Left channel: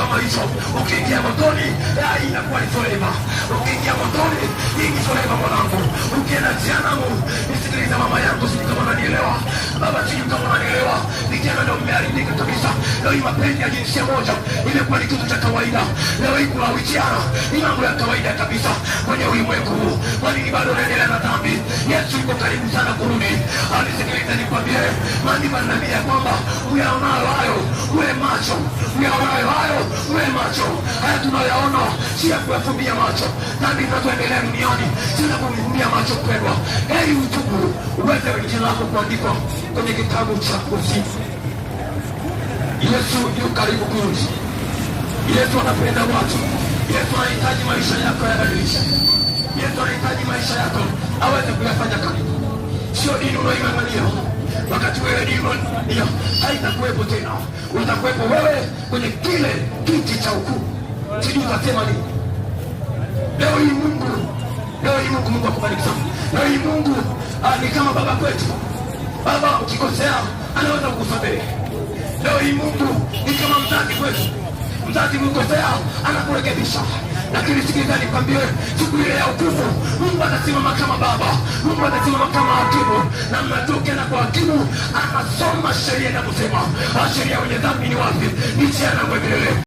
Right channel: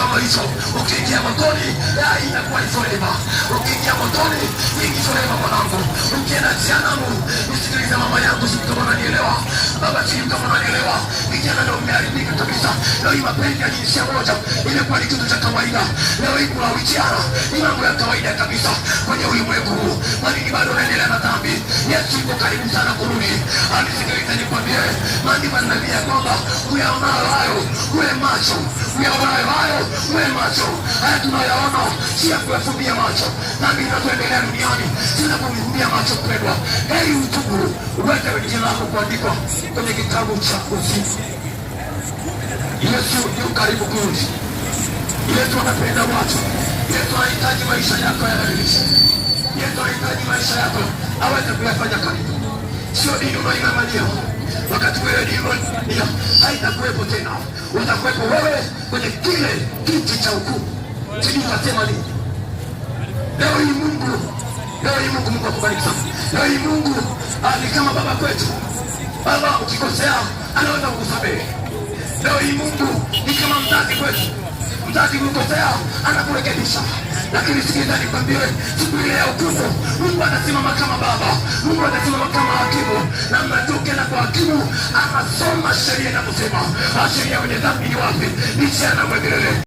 kama hizo. Ukiingia motoni, inakuwa ni forever. Ukiingia motoni, ni forever mwanangu. Ukienda jehanamu, nisikilize mama yangu, si kama unanielewa. Baba chini kama unanielewa. Vijana ndio mmeharibika kabisa. Leo hii mapenzi ya jinsia moja imekuwa ni kitu cha kawaida. Leo hii kuna vijana, ni mambo ya kawaida kabisa kwenye ulimwengu huu. Kwani bado unaendelea na dhambi. Yesu yuko karibu sana kurudi. Anisikilize nikwambie, maandiko yananiambia kwamba uyaonayo hayo uwe macho, uyaonayo hayo uwe macho. Haya tunayaona si ya kuyafumbia macho. Dhambi inazoendelea duniani si ya kufumbia macho mpendwa. Heri utubu, uweke jina lako kuandikwa kwenye kitabu cha uzima. Yesu yu karibu kurudi. Yesu anapenda watu. Yesu anahitaji maisha yako yabadilishe. Yesu anahitaji maisha yako aweze kuyafanya karibu. Sio dini unaoing'ang'ania. Wakati wewe dini unaoing'ang'ania haitakuwepo tena. Utakuwepo wewe kwenye kile kiti cha hukumu. Sijui utasema nini. Leo hii Mungu akubariki sana. Leo hii Mungu ni kama baba kwetu. Baba ukikosea anaweza kukusamehe. Leo hii Mungu ni kama mzazi kwetu. Mzazi ukikosea anakurekebisha. Lakini sikiliza nikwambie, siku ile ya hukumu Mungu atasimama kama baba. Mungu atasimama kama hakimu. Na mnatoke na kwa hakimu anasoma sheria na kusema sheria wenye dhambi ni wapi? Ni jehanamu milele.